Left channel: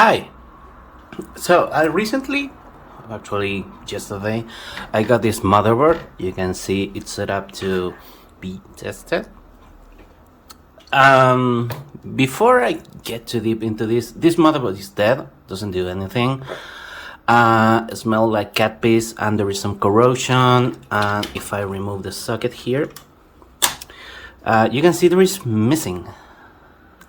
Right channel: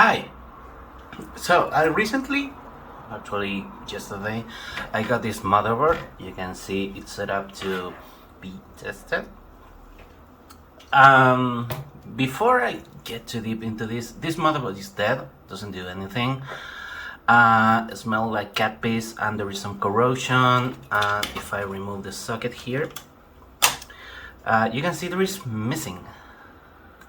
Hi. So I recently, actually yesterday, I got this motherboard. You can see it's set up to be tested. Um, Before I get too deep into this motherboard is dead. Doesn't do anything. It smells like cat piss, and there is some corrosion. And if I remove the socket here, you can see there is missing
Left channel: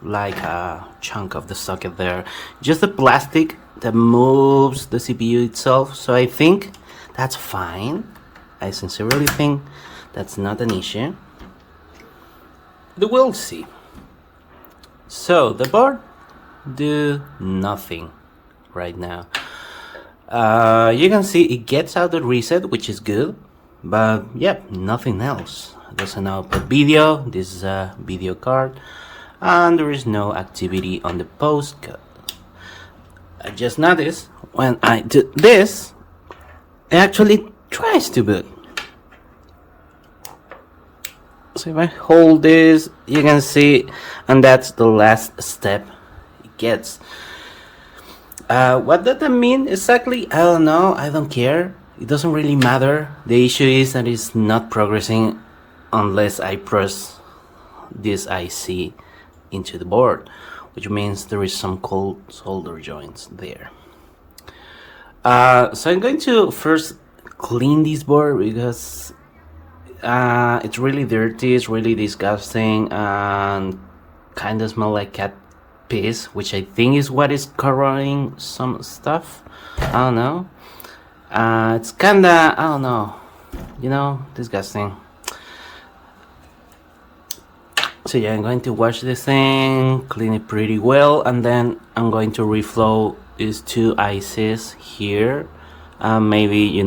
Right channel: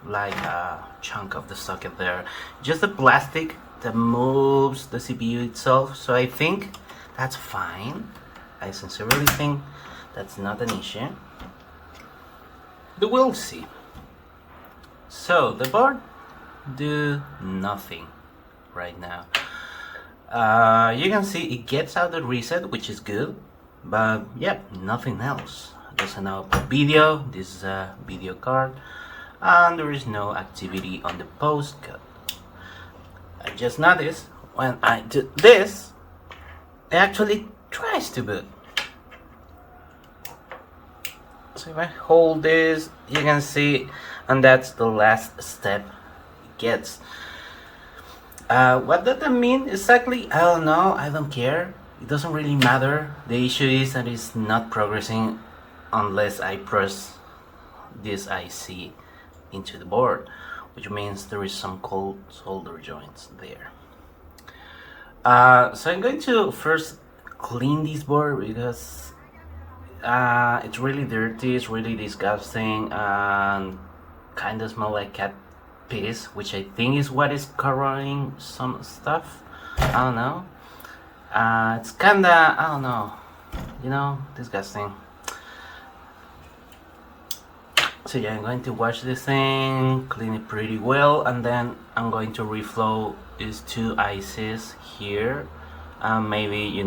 like a chunk of the socket there, just the plastic that moves the CPU itself. So I think that's fine. I sincerely think that's not an issue, but we'll see. So the board do nothing right now. You can see it gets out the reset, which is good, but yeah, nothing else. There's an output video. This is a video card, and there is no activity on the postcode. I just noticed when I do this, it actually tries to boot. So if I hold this, you can see, and that's the last step it gets. What does that mean exactly? I don't know. I don't care. It doesn't really matter. The issue is that it's not progressing unless I press this IC into the board, which means there is some cold solder joints there. So I'm going to first clean this board because it's really dirty, it's really disgusting, and kind of smell like cat piss, which I think is what is corroding some stuff. I don't know. It's kinda, I don't know, disgusting. So yeah, I'm going to wash this thing, clean it pretty well, and then I'm going to reflow these two ICs here. Maybe,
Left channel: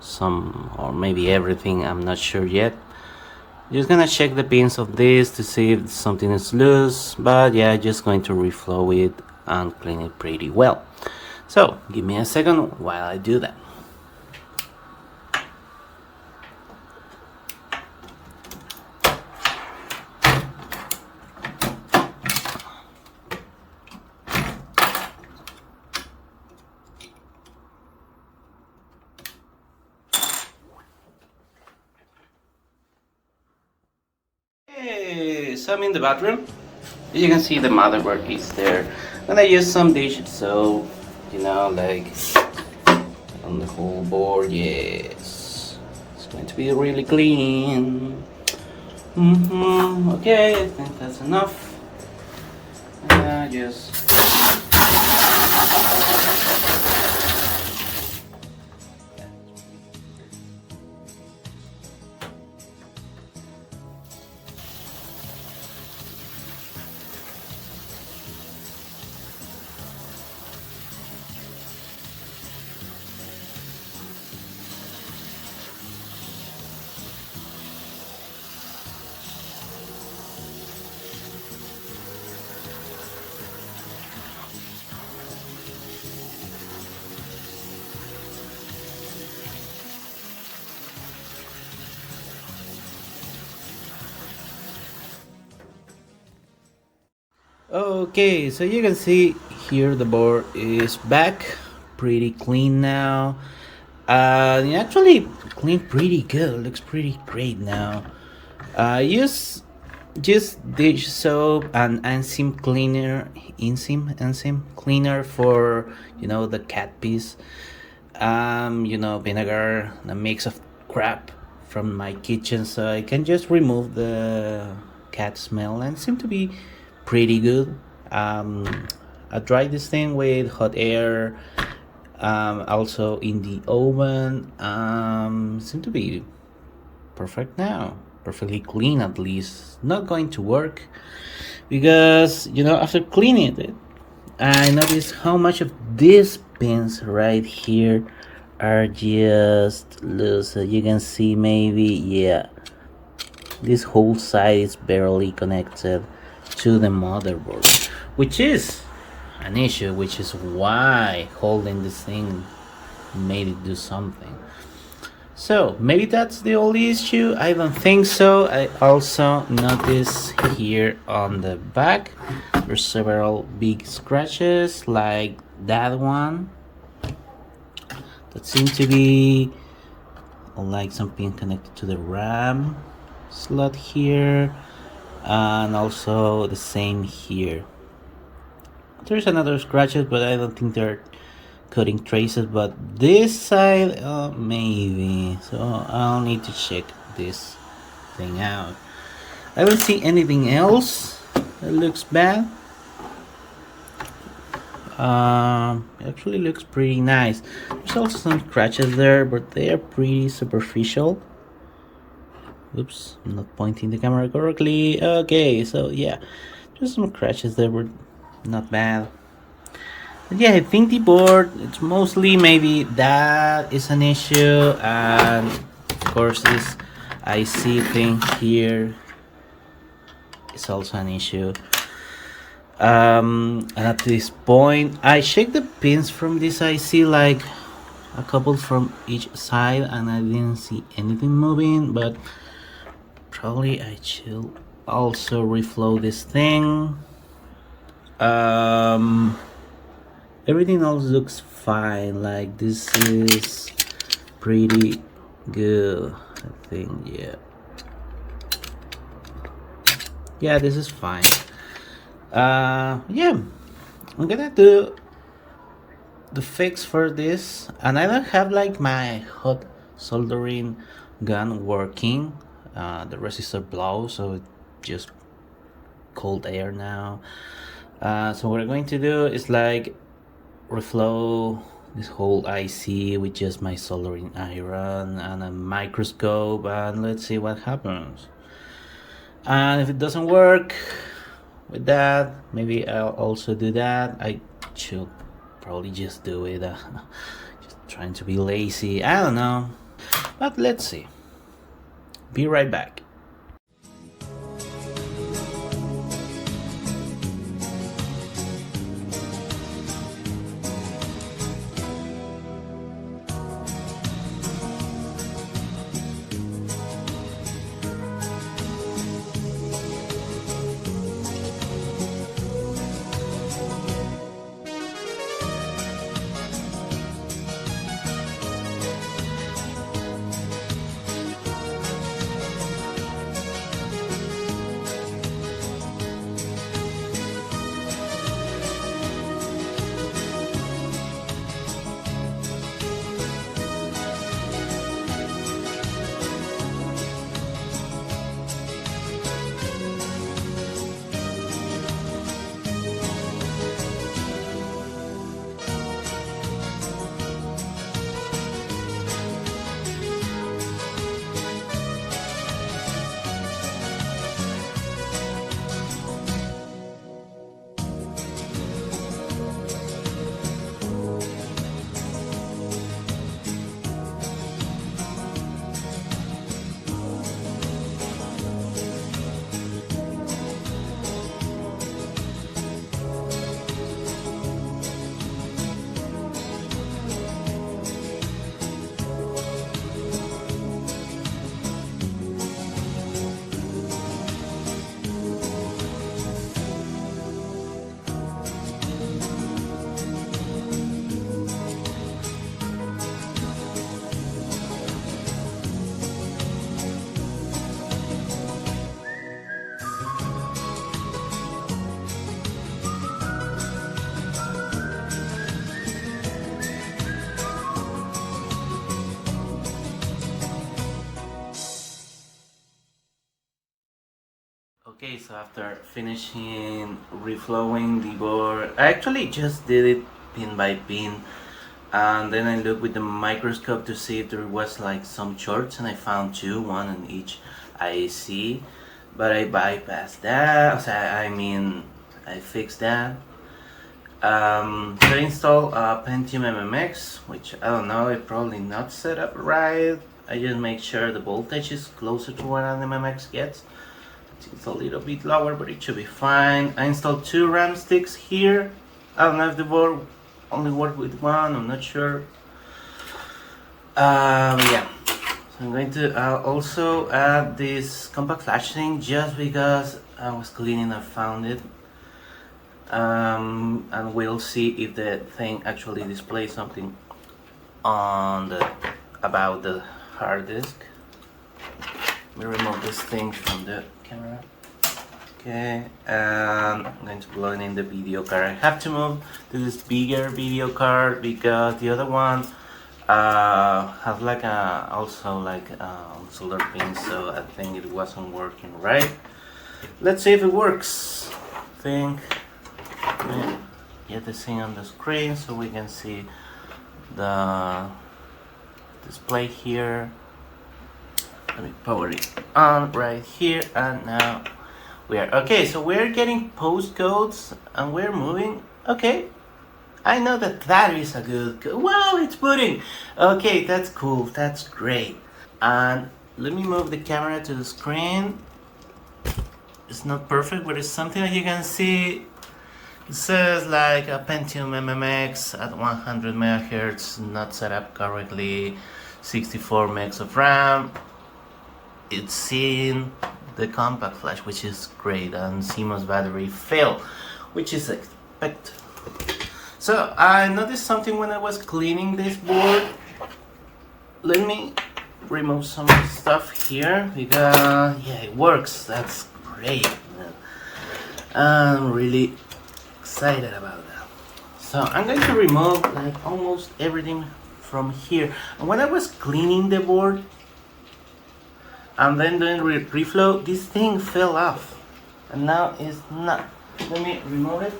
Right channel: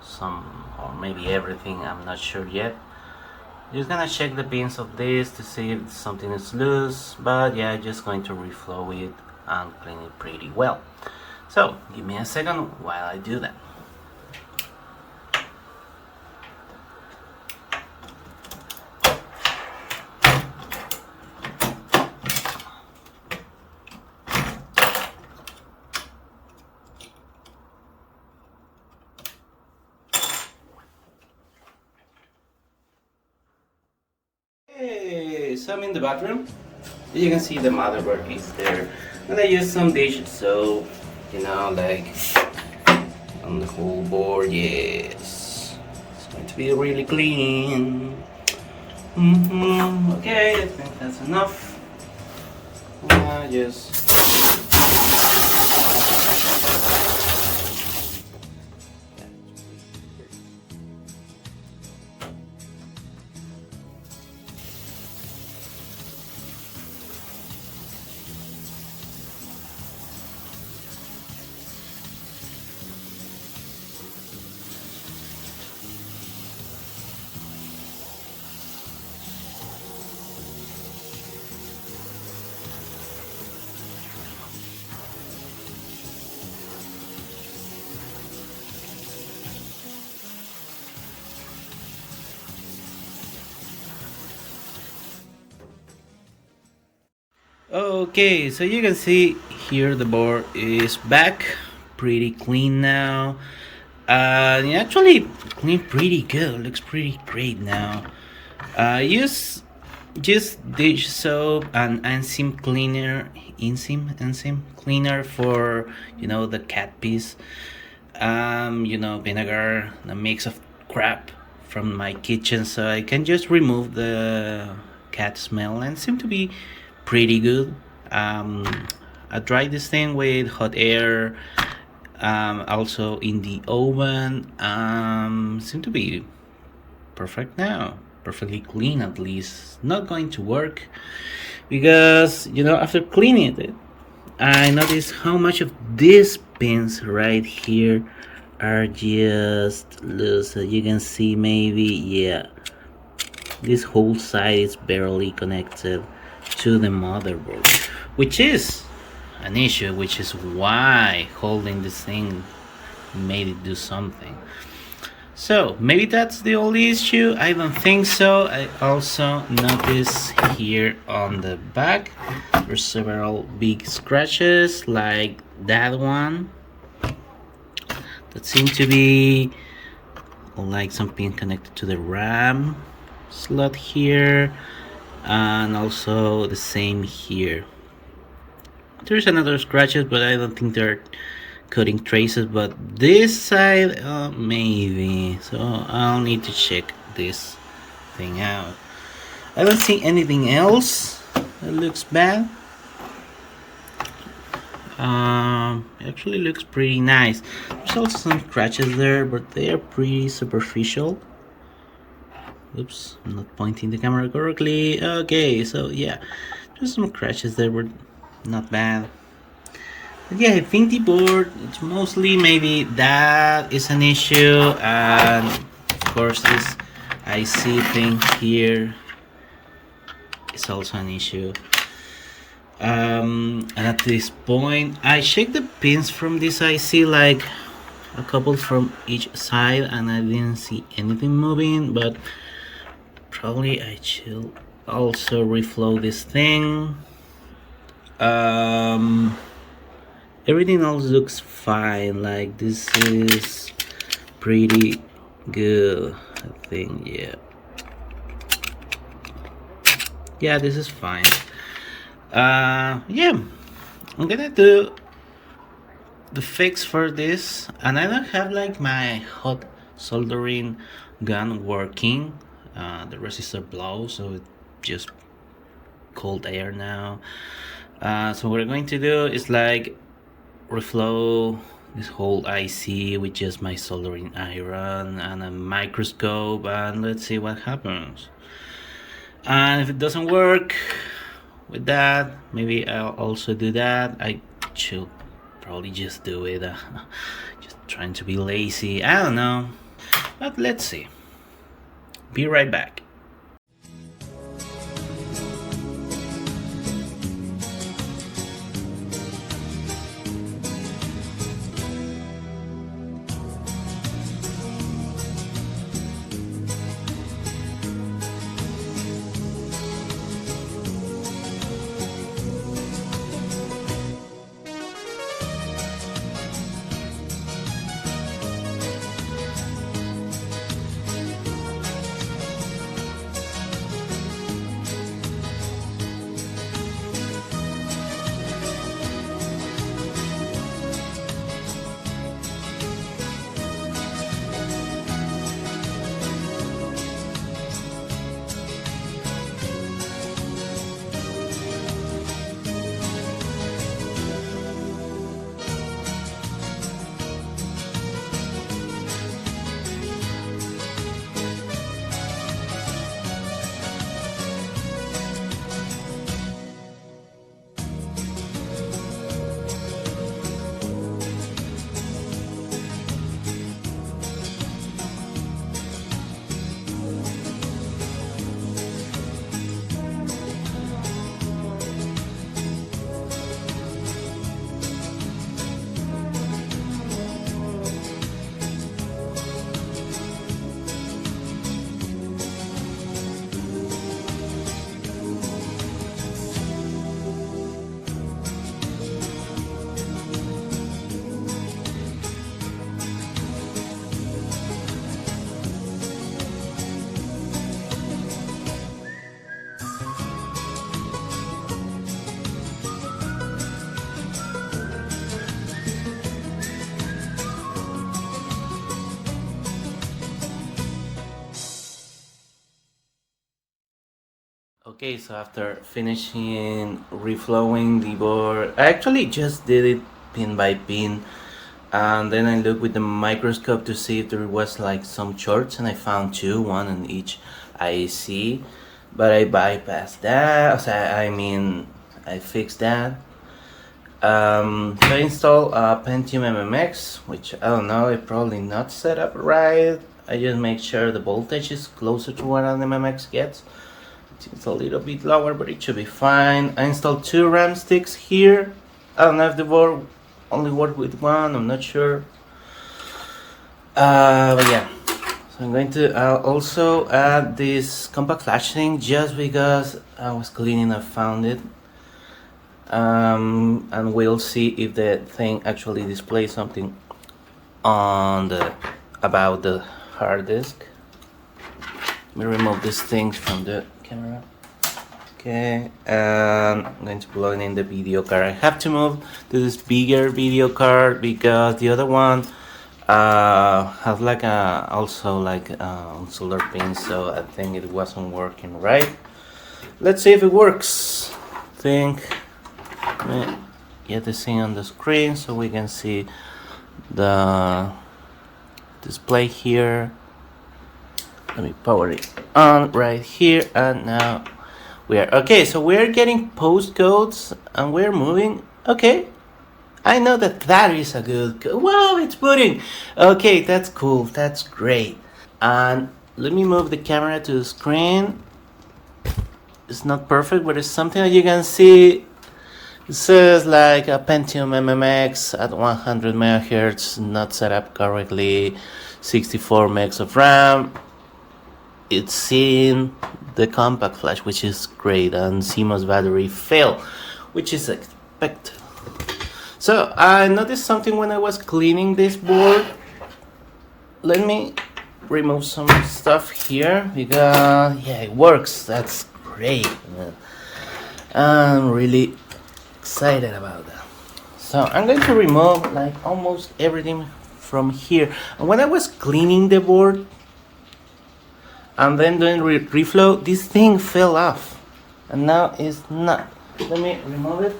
some, or maybe everything, I'm not sure yet. Just gonna check the pins of this to see if something is loose, but yeah, just going to reflow it and clean it pretty well. So give me a second while I do that. Hey, so I'm in the bathroom. You can see the motherboard is there. And I use some dish soap, like on the whole board. Yes, it's going to be really clean. Okay, I think that's enough. Just okay, so you can see here the board is back, pretty clean now. It actually clean pretty good, looks pretty great now. Use just dish soap and enzyme cleaner, enzyme cleaner for the cat piece. Vinegar, a mix of crap from my kitchen, so I can just remove the cat smell and seem to be pretty good. I dried this thing with hot air, also in the oven. Seem to be perfect now, perfectly clean at least. Not going to work because after cleaning it, I noticed how much of these pins right here are just loose. You can see maybe, yeah, this whole side is barely connected to the motherboard, which is an issue, which is why holding this thing made it do something. So maybe that's the only issue. I don't think so. I also notice here on the back there's several big scratches like that one that seem to be like something connected to the RAM slot here, and also the same here. There's another scratches, but I don't think they're cutting traces, but this side maybe, so I'll need to check this thing out. I don't see anything else that looks bad. It actually looks pretty nice. There's also some scratches there, but they are pretty superficial. Oops, I'm not pointing the camera correctly. Okay, so yeah, there's some scratches there, but not bad. But yeah, I think the board, it's mostly maybe that is an issue, and of course this IC thing here is also an issue. And at this point I checked the pins from this IC, like a couple from each side, and I didn't see anything moving, but probably I should also reflow this thing. Everything else looks fine, like this is pretty good, I think. Yeah, this is fine. Yeah, I'm gonna do the fix for this, and I don't have like my hot soldering gun working. The resistor blows, so it's just cold air now. So what we're going to do is like reflow this whole IC with just my soldering iron and a microscope, and let's see what happens. And if it doesn't work with that, maybe I'll also do that. I should probably just do it, just trying to be lazy, I don't know, but let's see. Be right back. Okay, so after finishing reflowing the board, I actually just did it pin by pin, and then I looked with the microscope to see if there was like some shorts, and I found two, one in each IC, but I bypassed that. I mean, I fixed that. So I installed a Pentium MMX, which I don't know, it probably not set up right. I just make sure the voltage is closer to what an MMX gets. It's a little bit lower, but it should be fine. I installed two RAM sticks here. I don't know if the board only work with one, I'm not sure. But yeah, So I'm going to also add this compact flash thing just because I was cleaning and found it. And we'll see if the thing actually displays something on the about the hard disk. Let me remove this thing from the camera. Okay, and I'm going to plug in the video card. I have to move to this bigger video card because the other one has like a also like solder pin, so I think it wasn't working right. Let's see if it works. Think we get this thing on the screen so we can see the display here. Let me power it on right here, and now we are okay. So we're getting postcodes and we're moving. Okay, I know that is a good. Wow, it's booting. Okay, that's cool. That's great. And let me move the camera to the screen. It's not perfect, but it's something that you can see. It says like a Pentium MMX at 100 megahertz, not set up correctly, 64 megs of RAM. It's seeing the compact flash, which is great, and CMOS battery fail, which is expected. So I noticed something when I was cleaning this board. Let me remove some stuff here because yeah, it works. That's great, man. I'm really excited about that. So I'm going to remove like almost everything from here. And when I was cleaning the board and then doing reflow, this thing fell off, and now it's not. Let me remove it.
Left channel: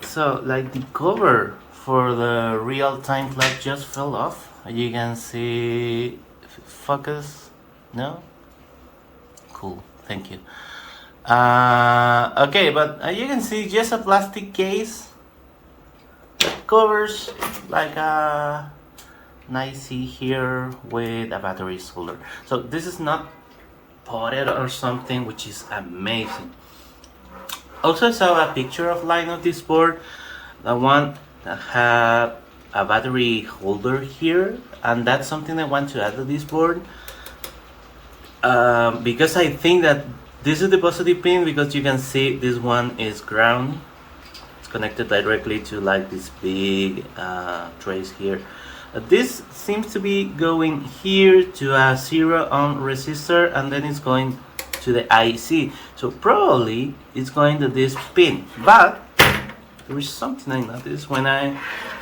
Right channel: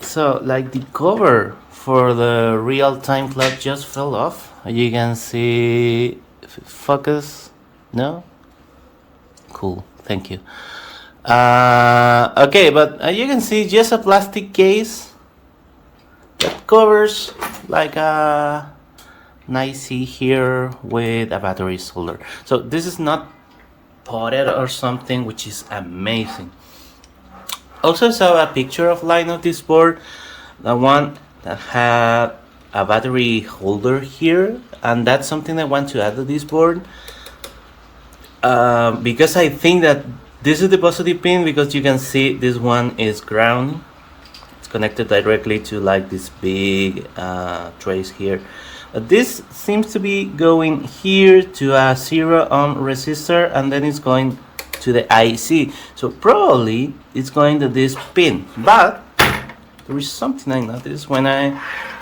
So like the cover for the real-time clock just fell off. You can see if it focus. No? Cool, thank you. Okay, but you can see just a plastic case that covers like a nice here with a battery solder. So this is not potted or something, which is amazing. Also saw a picture offline of this board, the one that had a battery holder here, and that's something I want to add to this board because I think that this is the positive pin, because you can see this one is ground. It's connected directly to like this big trace here. This seems to be going here to a 0 ohm resistor, and then it's going to the IC. So probably it's going to this pin. But there is something I noticed when I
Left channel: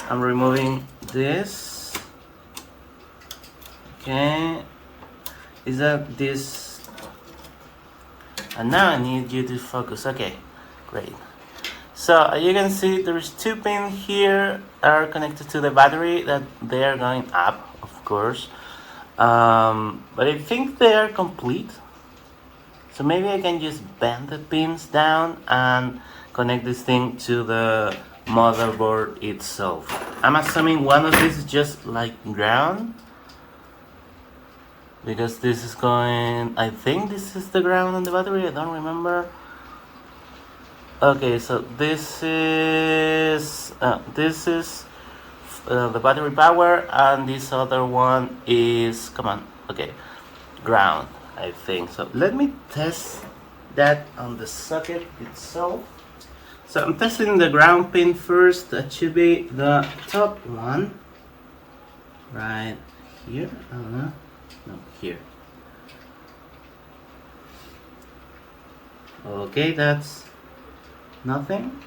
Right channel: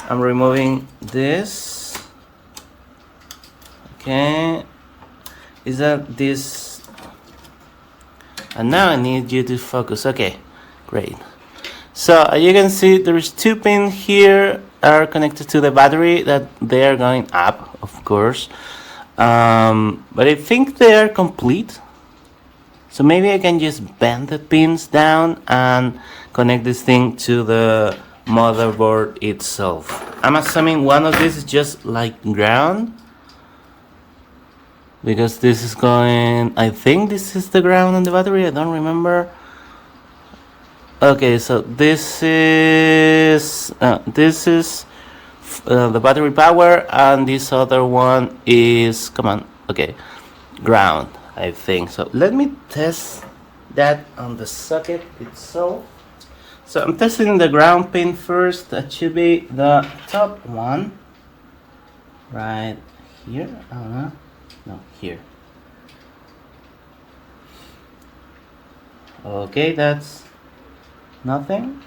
am removing this. Okay, is that this? And now I need you to focus. Okay, great. So you can see there is 2 pins here are connected to the battery, that they are going up, of course. But I think they are complete. So maybe I can just bend the pins down and connect this thing to the motherboard itself. I'm assuming one of these is just like ground, because this is going, I think this is the ground on the battery, I don't remember. Okay, so this is the battery power, and this other one is, come on, okay, ground, I think. So let me test that on the socket itself. So I'm testing the ground pin first. That should be the top one, right here. No, here. Okay, that's nothing.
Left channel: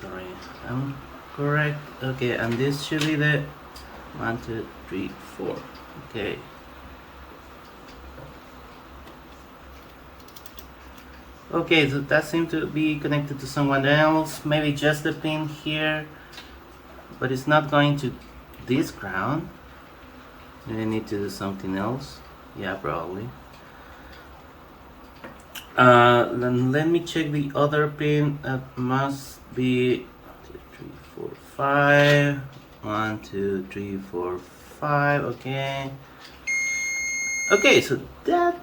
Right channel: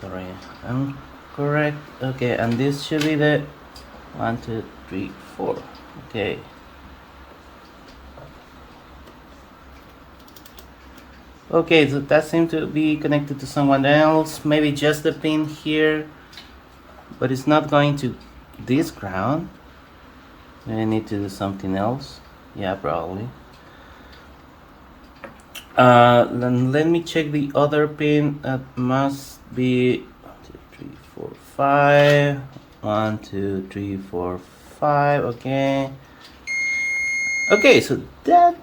Sorry, I'm correct. Okay, and this should be the 1, 2, 3, 4. Okay. Okay, so that seems to be connected to someone else. Maybe just the pin here, but it's not going to this ground. I need to do something else. Yeah, probably. Then let me check the other pin. That must be 1, 2, 3, 4, 5. 1, 2, 3, 4, 5. Okay. Okay, so that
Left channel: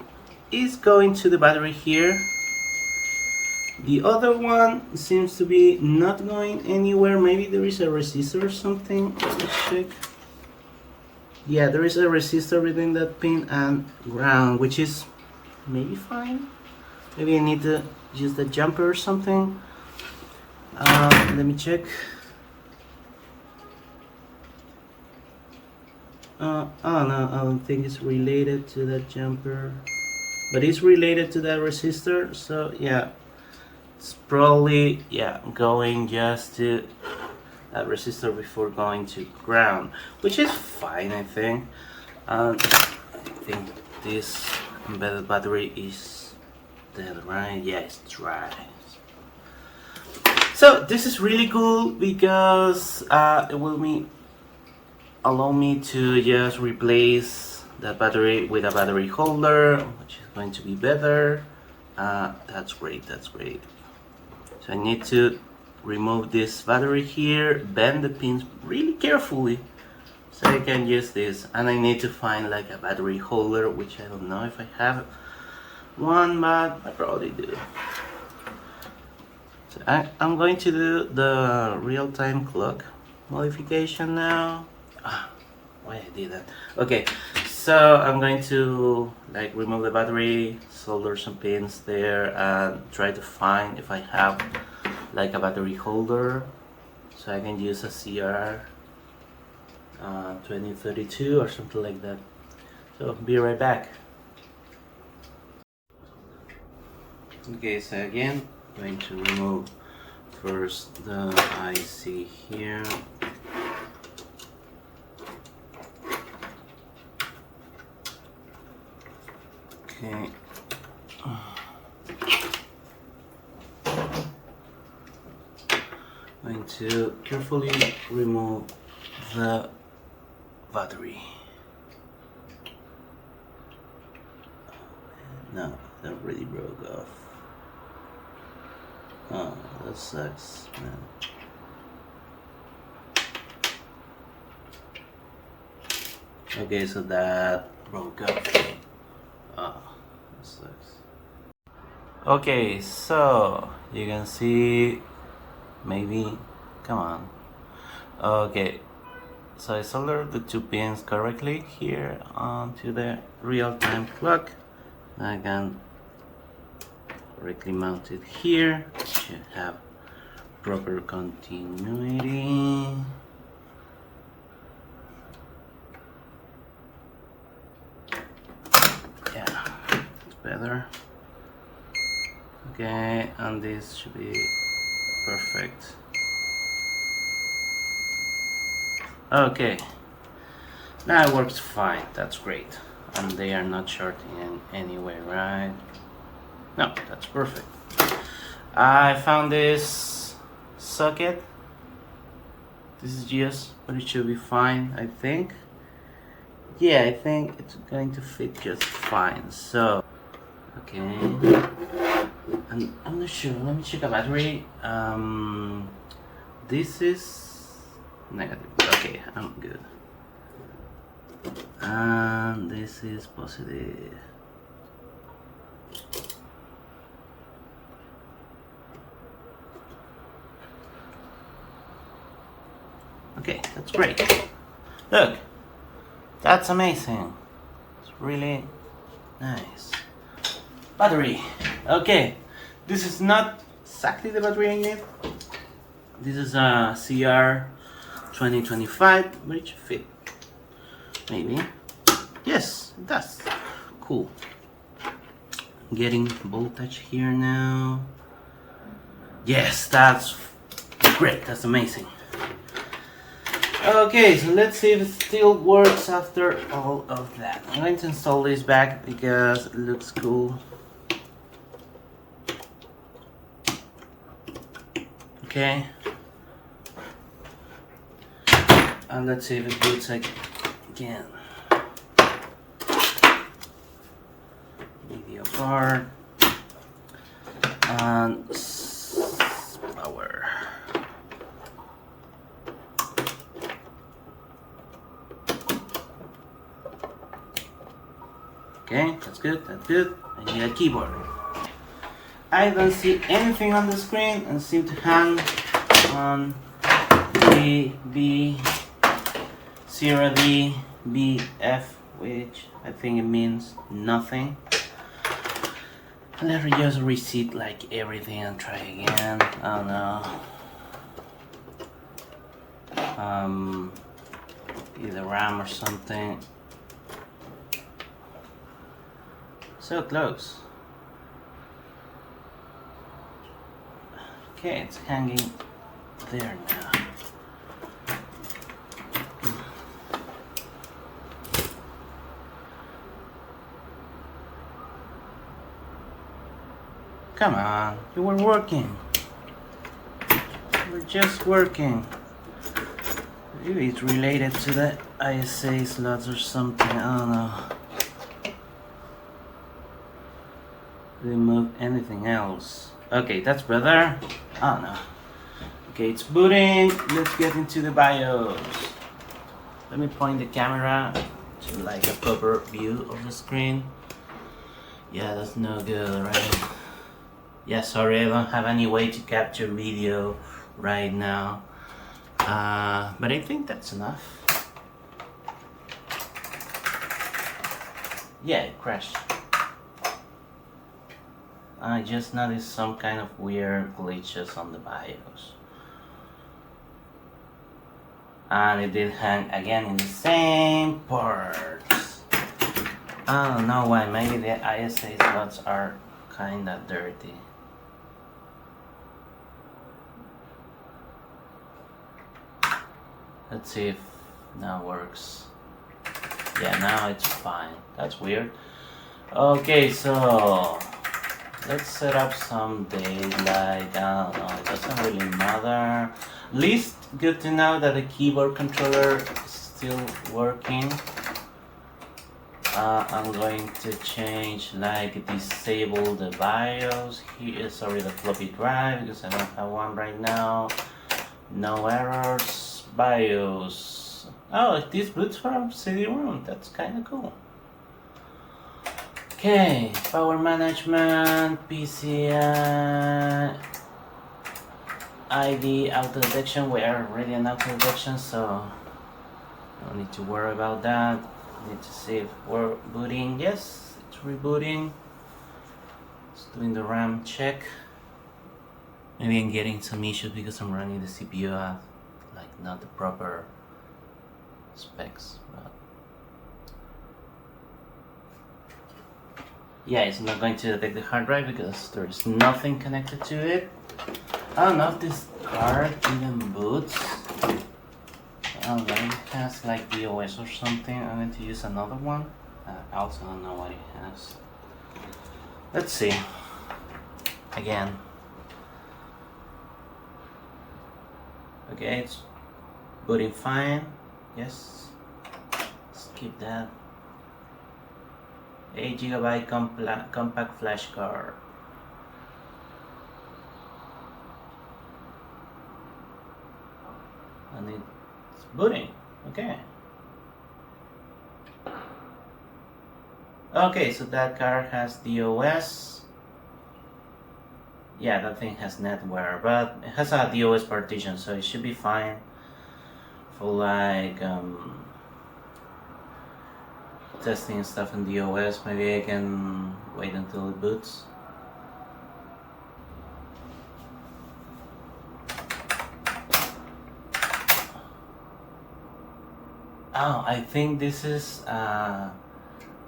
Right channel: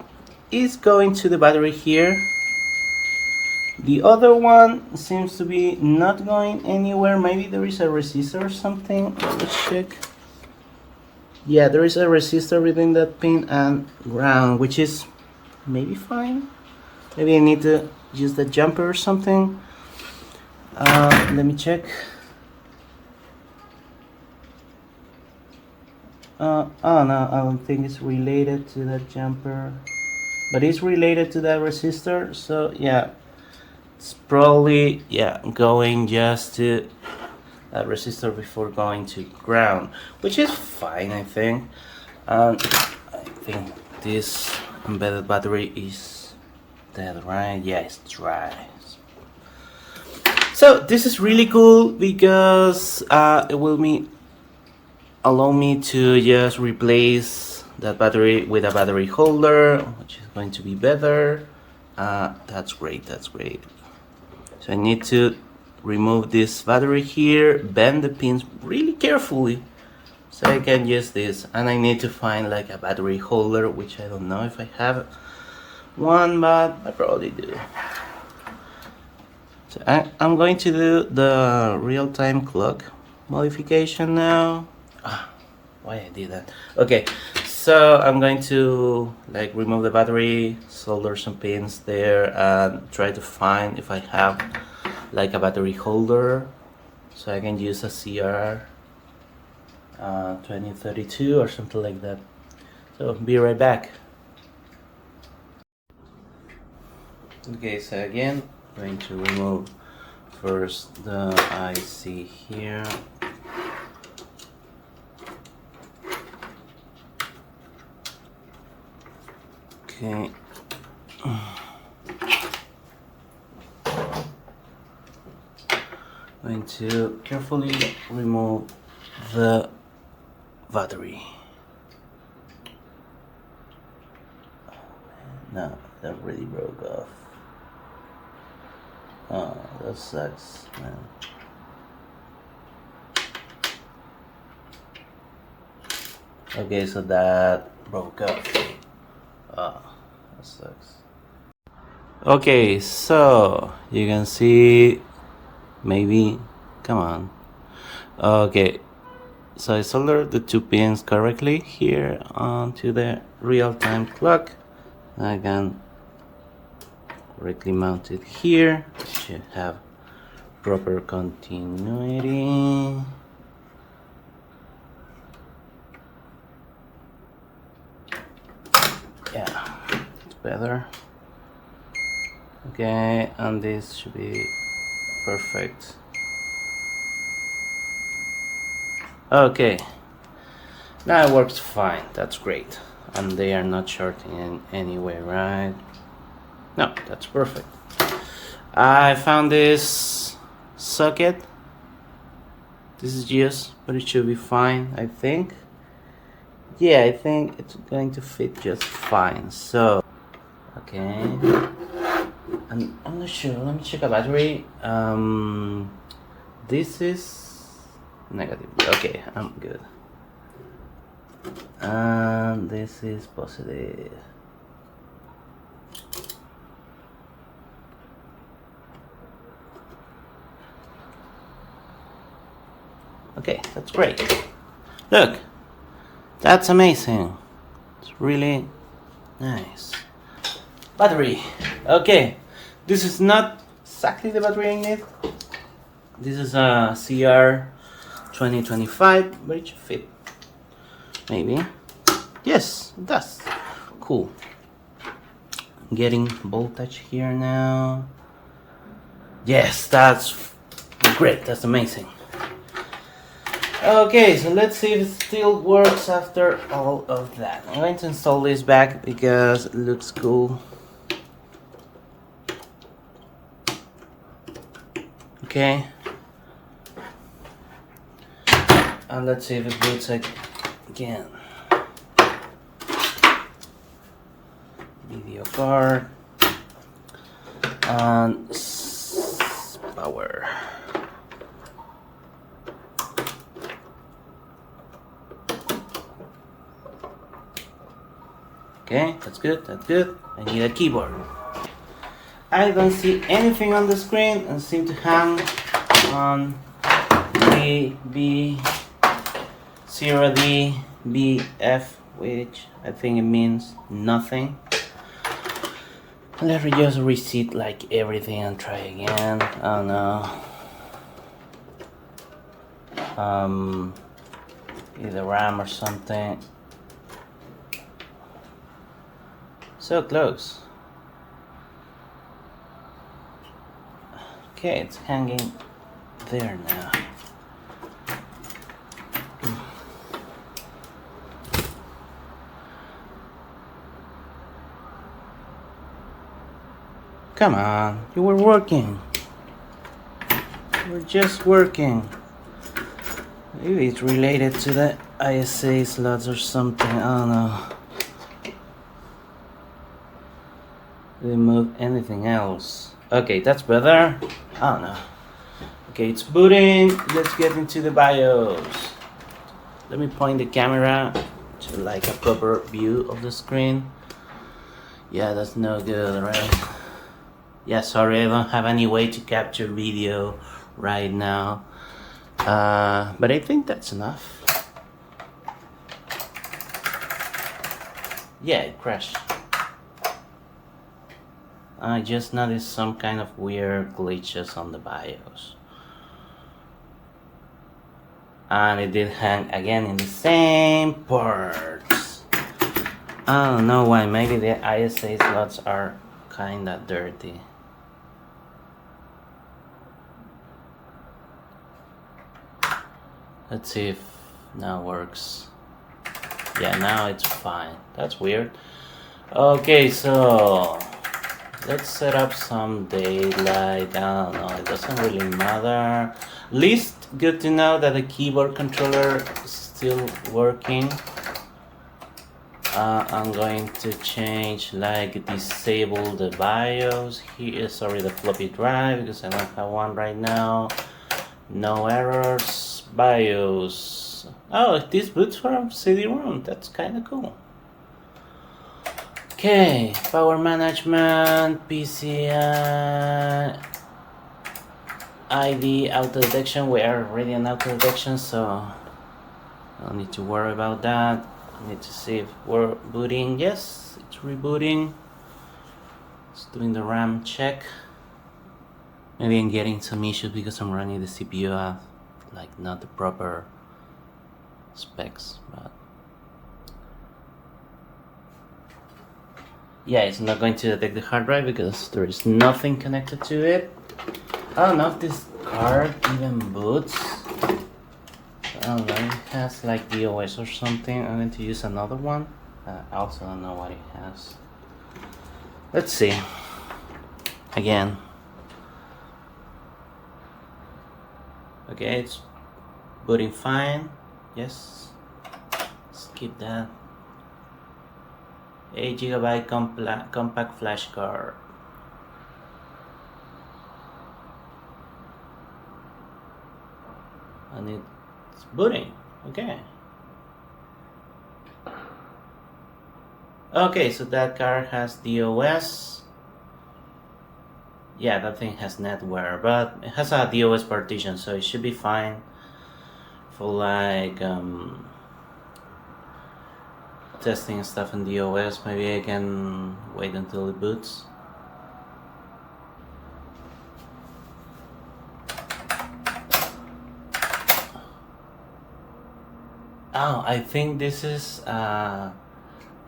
is going to the battery here. The other one seems to be not going anywhere. Maybe there is a resistor or something. Let's check. Yeah, there is a resistor between that pin and ground, which is maybe fine. Maybe I need to use the jumper or something. Let me check. Oh no, I don't think it's related to the jumper, but it's related to that resistor. So yeah, it's probably going just to that resistor before going to ground, which is fine, I think. I think this embedded battery is dead, right? Yeah, it's right. So this is really cool because it will allow me to just replace that battery with a battery holder, which is going to be better. That's great, that's great. So I need to remove this battery here, bend the pins really carefully so I can use this, and I need to find like a battery holder, which I don't know if I have one, but I probably do. So I'm going to do the real-time clock modification now. Why I did that? Okay, so I'm going to like remove the battery, solder some pins there, and try to find if I have like a battery holder so I can use a CR 2032 or something like that. So be right back. Okay, so again, I'm going to remove first the IC here. Okay. Going to carefully remove the battery. No, that really broke off. Oh, that sucks. No. Okay, so that broke off. Oh, that sucks. Okay, so you can see, maybe, come on. Okay, so I soldered the two pins correctly here onto the real-time clock. I can correctly mount it here. It should have proper continuity. Yeah, it's better. Okay, and this should be perfect. Okay, that works fine. That's great. And they are not shorting in any way, right? No, that's perfect. I found this socket. This is used, but it should be fine, I think. Yeah, I think it's going to fit just fine. So, okay. And I'm not sure. Let me check a battery. This is negative. Okay, I'm good. And this is positive. Okay, that's great. Look, that's amazing. It's really nice. Battery. Okay, this is not exactly the battery I need. This is a CR 2025, but it should fit. Maybe. Yes, it does. Cool. Getting voltage here now. Yes, that's great. That's amazing. Okay, so let's see if it still works after all of that. I'm going to install this back because it looks cool. Okay. And let's see if it boots again. Video card. And power. Okay, that's good, that's good. I need a keyboard. I don't see anything on the screen and seem to hang on A, B, 0D, B, F, which I think it means nothing. Let me just reset like everything and try again. I don't know. Either RAM or something. So close. Okay, it's hanging there now. Come on, you were working. You were just working. Maybe it's related to the ISA slots or something, I don't know. Remove anything else. Okay, that's better. I don't know. Okay, it's booting. Let's get into the BIOS. Let me point the camera to like a proper view of the screen. Yeah, that's no good, right? Yeah, sorry, I don't have any way to capture video right now. But I think that's enough. Yeah, it crashed. I just noticed some kind of weird glitches on the BIOS. And it did hang again in the same parts. I don't know why, maybe the ISA slots are kinda dirty. Let's see if now works. Yeah, now it's fine. That's weird. Okay, so let's set up some date, like, I don't know, it doesn't really matter. At least good to know that the keyboard controller is still working. I'm going to change, like, disable the BIOS here, sorry, the floppy drive, because I don't have one right now. No errors. BIOS. Oh, this boots from CD-ROM. That's kind of cool. Okay, power management, PCI, ID, auto detection. We are already on auto detection, so I don't need to worry about that. I need to see if we're booting. Yes, it's rebooting. It's doing the RAM check. Maybe I'm getting some issues because I'm running the CPU at like not the proper specs, but yeah, it's not going to detect the hard drive because there is nothing connected to it. I don't know if this card even boots. I don't know, it has like DOS or something. I'm going to use another one. I also don't know what it has. Let's see. Again. Okay, it's booting fine. Yes. Skip that. 8 GB compact flash card. And it's booting. Okay. Okay, so that card has DOS. Yeah, that thing has NetWare, but it has a DOS partition, so it should be fine for like testing stuff in DOS. Maybe I can wait until it boots. Oh, I think this is a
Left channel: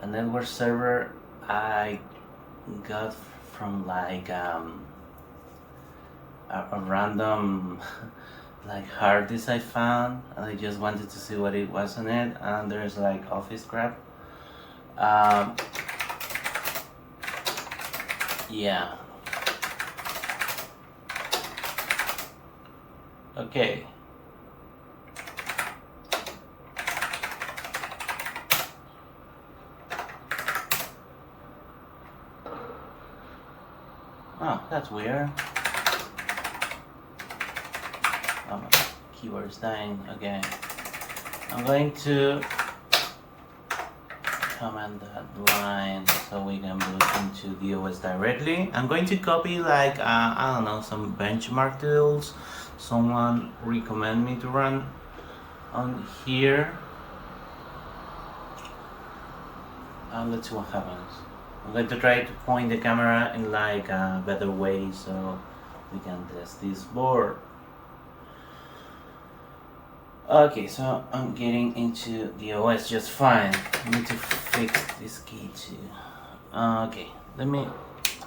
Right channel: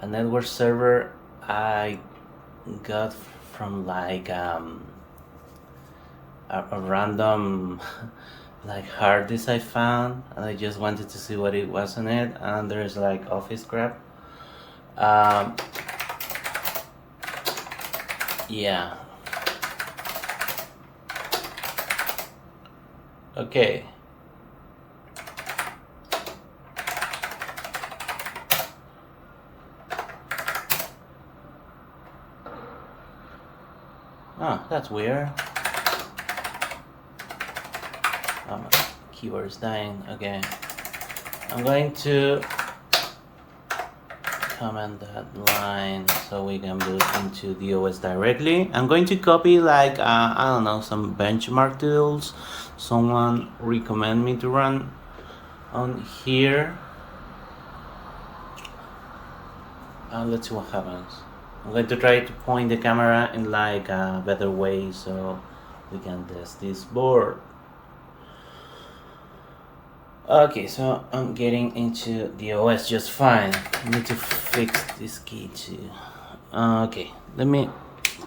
network server I got from like a random like hard disk I found, and I just wanted to see what it was on it, and there's like office crap. Yeah. Okay. Oh, that's weird. Oh, keyboard is dying. Okay. I'm going to comment that line so we can boot into the OS directly. I'm going to copy like I don't know, some benchmark tools someone recommend me to run on here, and let's see what happens. I'm going to try to point the camera in like a better way so we can test this board. Okay, so I'm getting into the OS just fine. I need to fix this key too. Okay, let me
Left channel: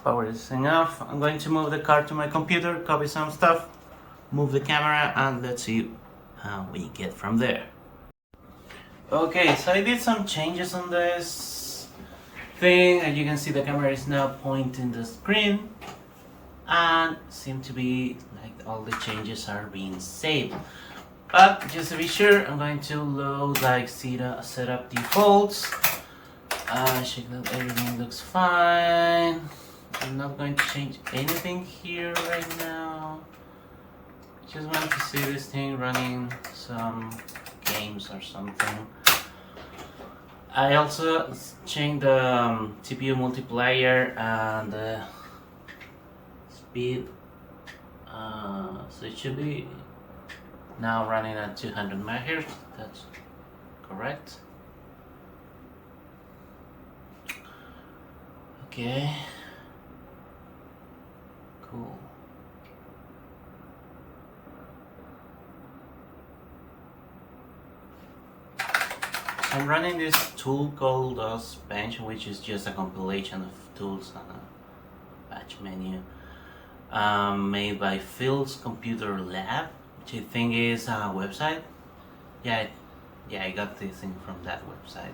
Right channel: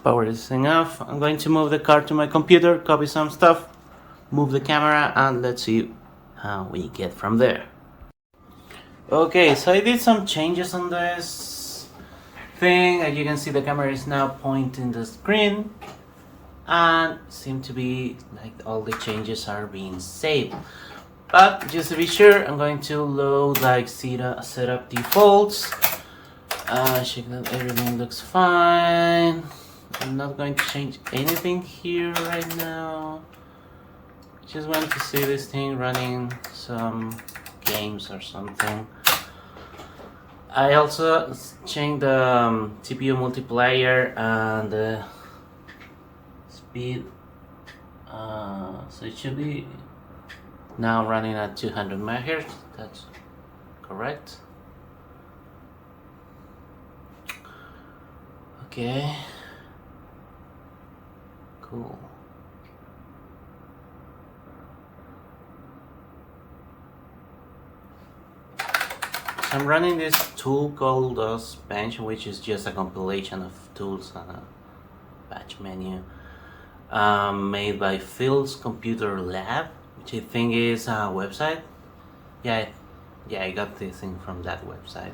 power this thing off. I'm going to move the card to my computer, copy some stuff, move the camera, and let's see how we get from there. Okay, so I did some changes on this thing. As you can see, the camera is now pointing the screen, and seem to be like all the changes are being saved. But just to be sure, I'm going to load like setup defaults. Check that everything looks fine. I'm not going to change anything here right now. Just want to see this thing running some games or something. I also changed the CPU multiplier and the speed. So it should be now running at 200 megahertz. That's correct. Okay. Cool. So I'm running this tool called Pentium, which is just a compilation of tools and a batch menu made by Phil's Computer Lab, which I think is a website. Yeah, I got this thing from that website.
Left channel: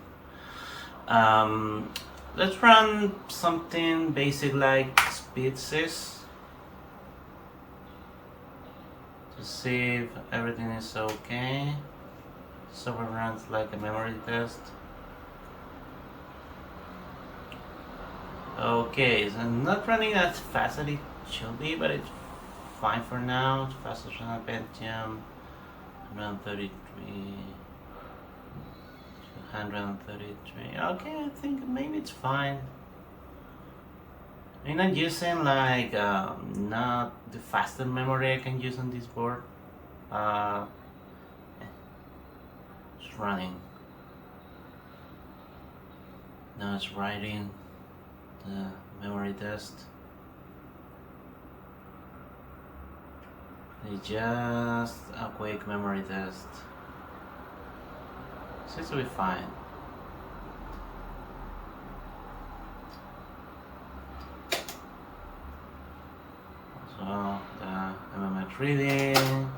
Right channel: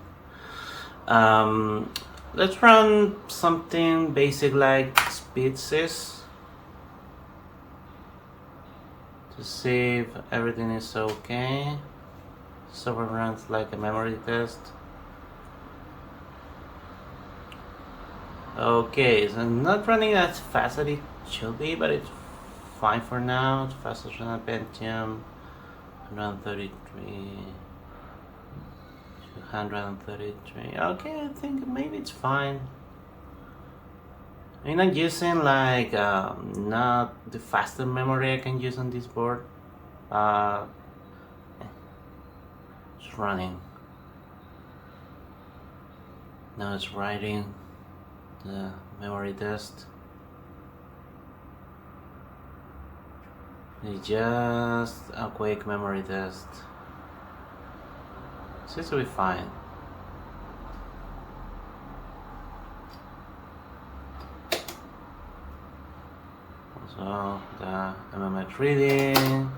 Let's run something basic like speed sys to see if everything is okay. So it runs like a memory test. Okay, so not running as fast as it should be, but it's fine for now. It's faster than a Pentium. 133, 233. Okay, I think maybe it's fine. I'm not using like not the faster memory I can use on this board. It's running. Now it's writing the memory test. It's just a quick memory test. Seems to be fine. So the MMH reading.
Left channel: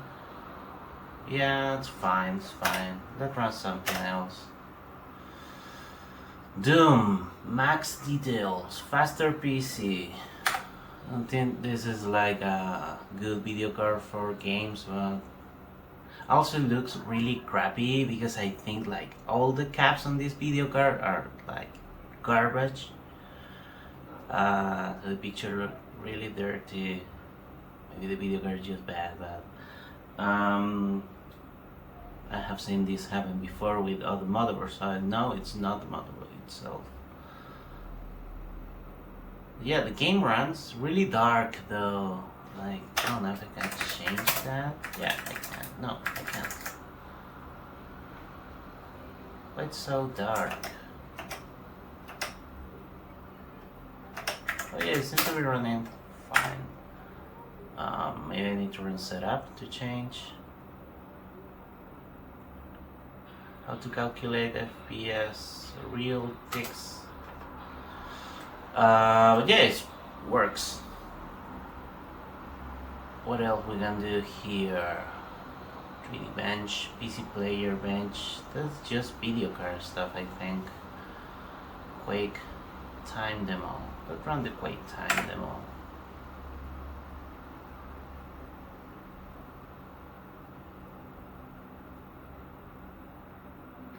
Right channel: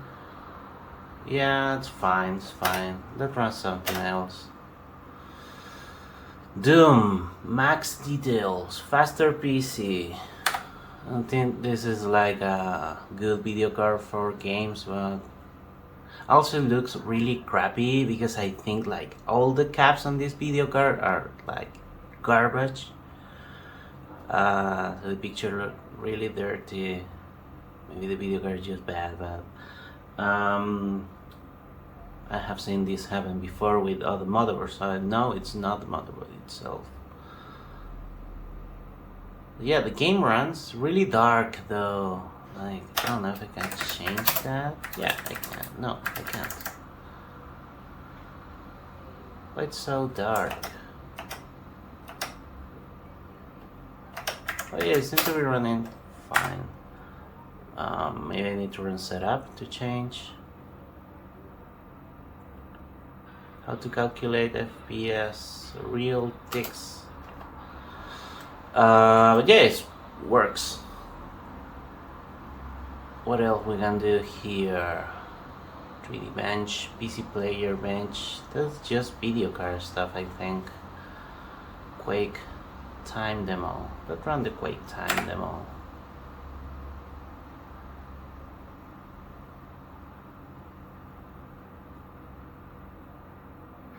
Yeah, it's fine, it's fine. Let's run something else. Doom, max details, faster PC. I don't think this is like a good video card for games, but also looks really crappy because I think like all the caps on this video card are like garbage. The picture look really dirty. Maybe the video card is just bad, but I have seen this happen before with other motherboards, so I know it's not the motherboard itself. Yeah, the game runs really dark though. Like, I don't know if I can change that. Yeah, I can. No, I can't. Why it's so dark? Oh yeah, it seems to be running fine. Maybe I need to run setup to change. How to calculate FPS, real ticks. But yeah, it works. What else we can do here? 3D bench, PC player bench. That's just video card stuff, I think. Quake time demo. Let's run the Quake time demo.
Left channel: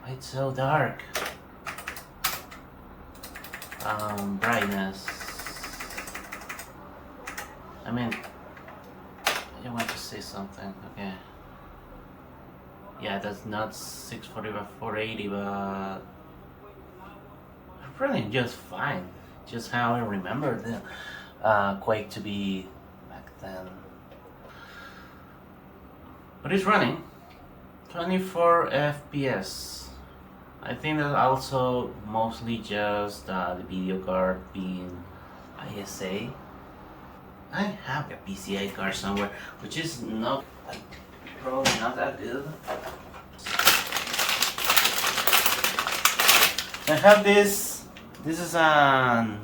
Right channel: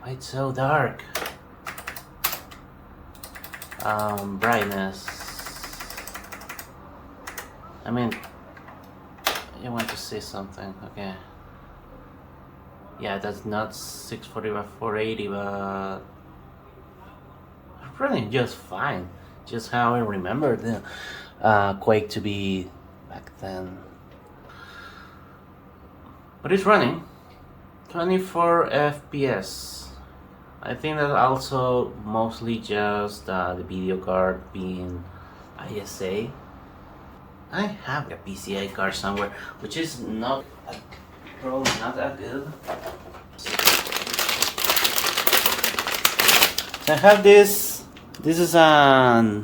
Why it's so dark? Brightness. I mean, I want to say something. Okay. Yeah, that's not 640 by 480, but running just fine. Just how I remember the Quake to be back then. But it's running 24 FPS. I think that also mostly just the video card being ISA. I have a PCI card somewhere, which is probably not that good. I have this. This is a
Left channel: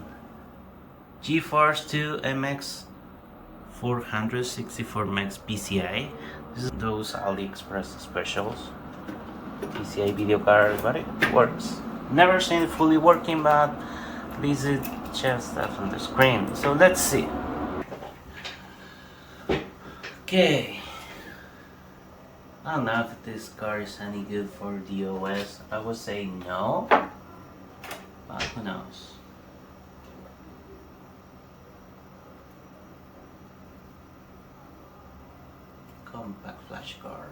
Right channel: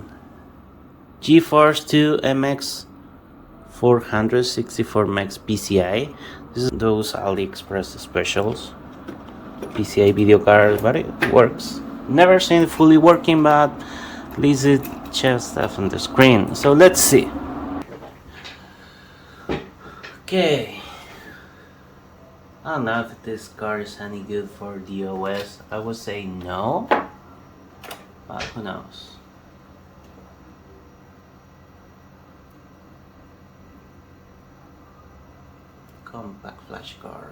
GeForce 2 MX 464 Max PCI. This is those AliExpress specials. PCI video card, but it works. Never seen it fully working, but at least it shows stuff on the screen. So let's see. Okay. I don't know if this card is any good for DOS. I would say no, but who knows. Compact flash card.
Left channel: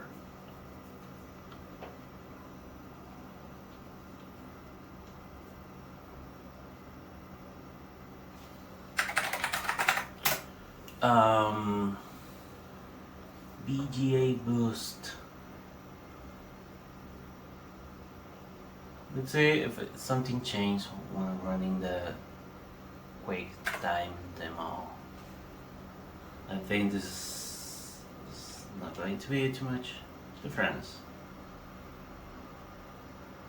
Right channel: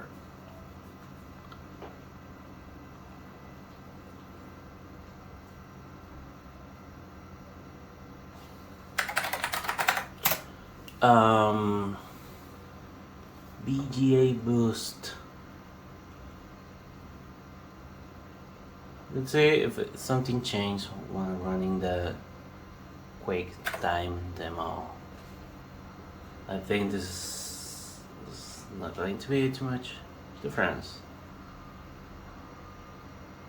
BGA boost. Let's say if something changed when running the Quake time demo. I think this is not going to be too much difference.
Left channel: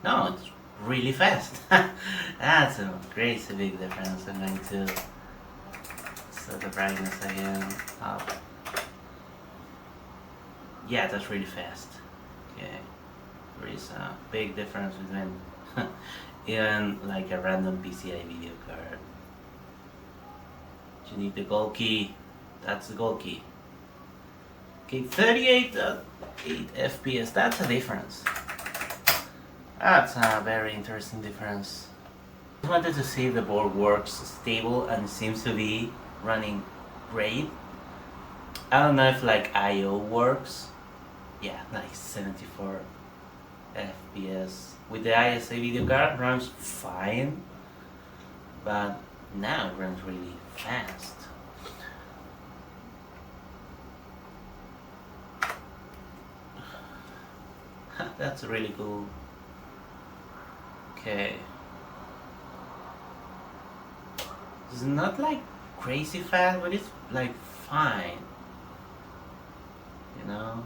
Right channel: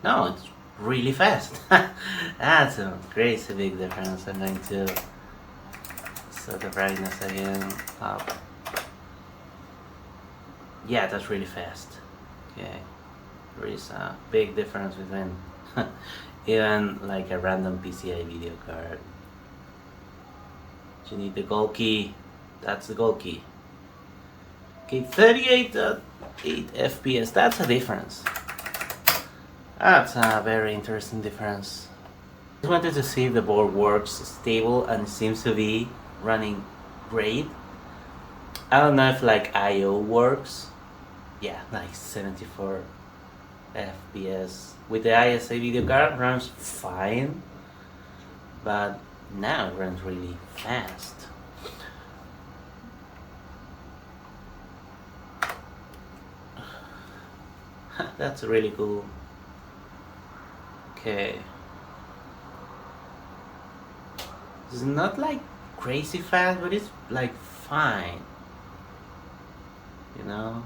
No, it's really fast. That's a crazy big difference. I'm going to set the brightness again up. Yeah, that's really fast. Okay, there is a big difference between even like a random PCI video card. You need the gold key. That's the gold key. Okay, 38.8 FPS. That's a difference. That's a very interesting difference. I just wanted to see if the board works stable, and it seems to be running great. I don't know if like I/O works. Yeah, like 74 FPS. With the ISA video card runs fine, but now it runs really fast. That's really cool. Okay. It's not like crazy fast, but it's like fine. You know?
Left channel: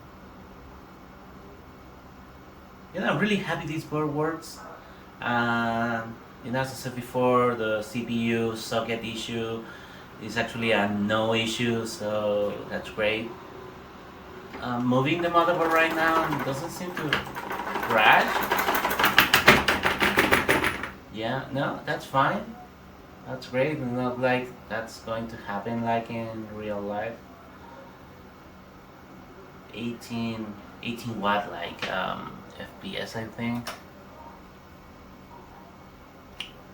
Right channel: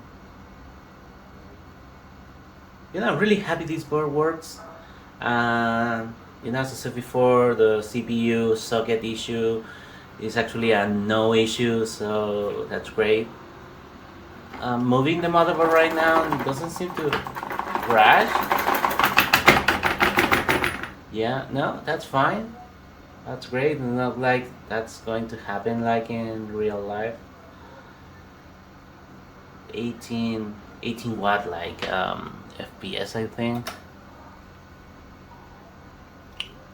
I'm really happy this board works. As I said before, the CPU socket issue is actually a no issue, so that's great. Moving the motherboard right now, it doesn't seem to crash. Yeah, no, that's fine. That's great, and not like that's going to happen like in real life. 18 watt like FPS, I think.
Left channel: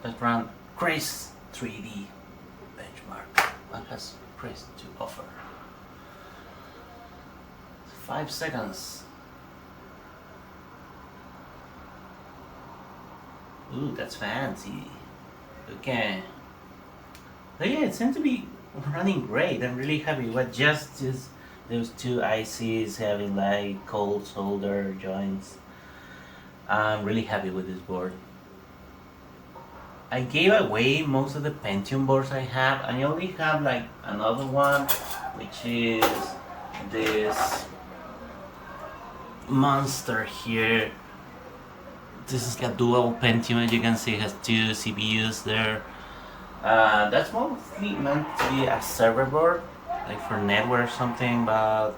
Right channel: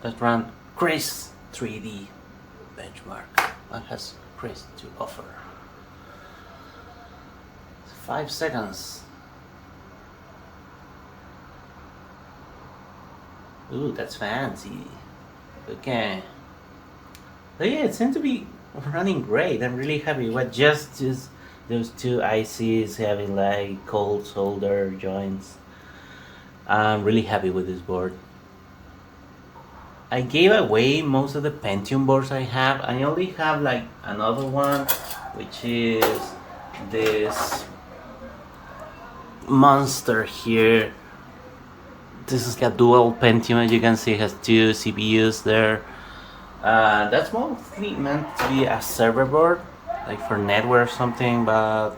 Let's run Chris 3D benchmark. What has Chris to offer? 5 seconds. Ooh, that's fancy. Okay. So yeah, it seems to be running great. I'm really happy. What just is those two ICs having like cold solder joints. I'm really happy with this board. I gave away most of the Pentium boards I have. I only have like another one, which is this monster here. This is a dual Pentium. As you can see, it has 2 CPUs there. That's mostly meant to be a server board, like for network or something, but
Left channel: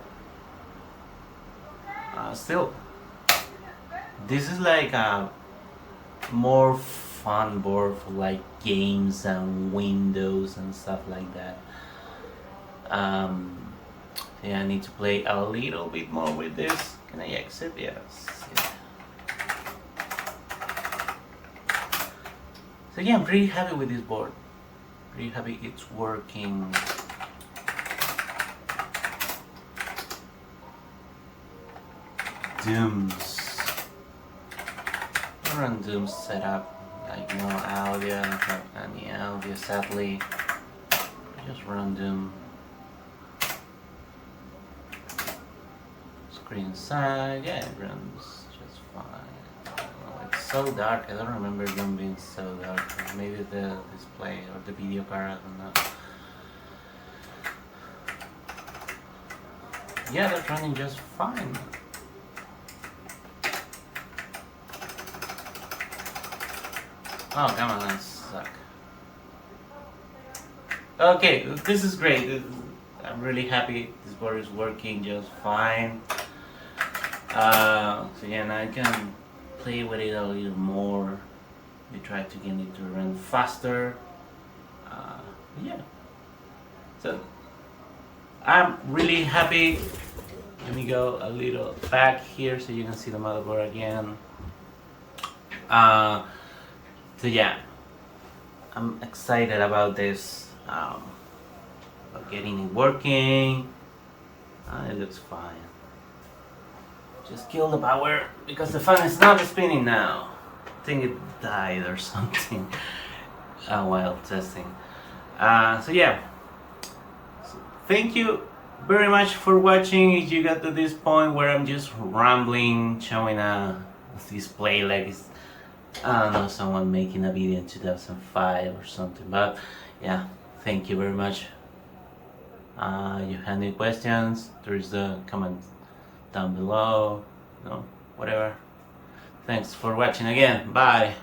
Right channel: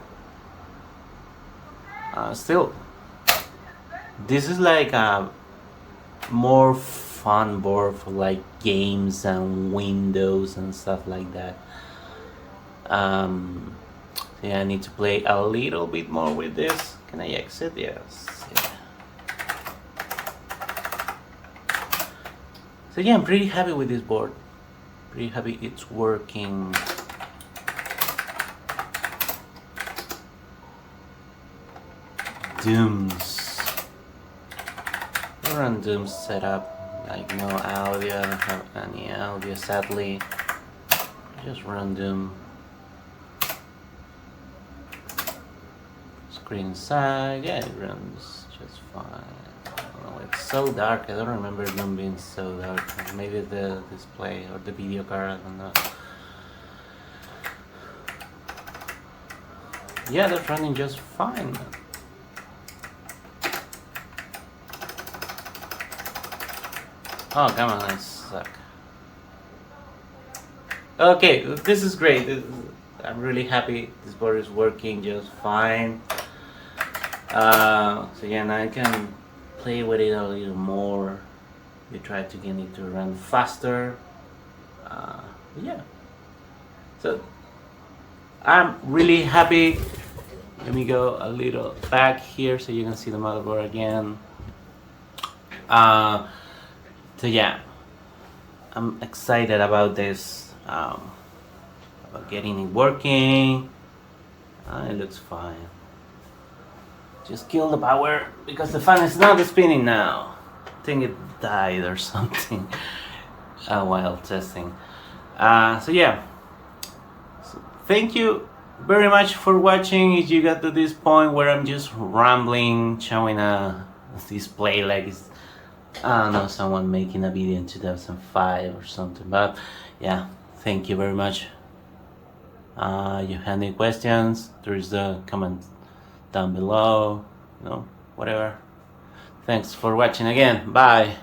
still, this is like a more fun board for like games and Windows and stuff like that. Yeah, I need to play a little bit more with this. Can I exit? Yes. Yeah. So yeah, I'm pretty happy with this board. Pretty happy it's working. Dooms. Run Doom's setup. like no audio, I don't have any audio sadly. Just random screen side, yeah, it runs just fine. I don't know, it's so dark, I don't remember them being so dark. Maybe the display or the video card, I don't know. Yeah, that's running just fine. Oh, come on, it suck. Okay, this is great. I'm really happy this board is working just fine. So yeah, now I can play with it a little more. We try to get it to run faster. Yeah. So I'm really happy. Let me go a little back here so you can see the motherboard again. So yeah, I'm excited about this, about getting it working. It looks fine. Just kill the power because the fan is not spinning now. I think it died or something while testing. So yeah, so thank you very much for watching. If you got to this point where I'm just rambling, showing a display like it's, I don't know, someone making a video in 2005 or something, but yeah, thank you very much. You have any questions, there is the comment down below, whatever. Thanks for watching again, bye.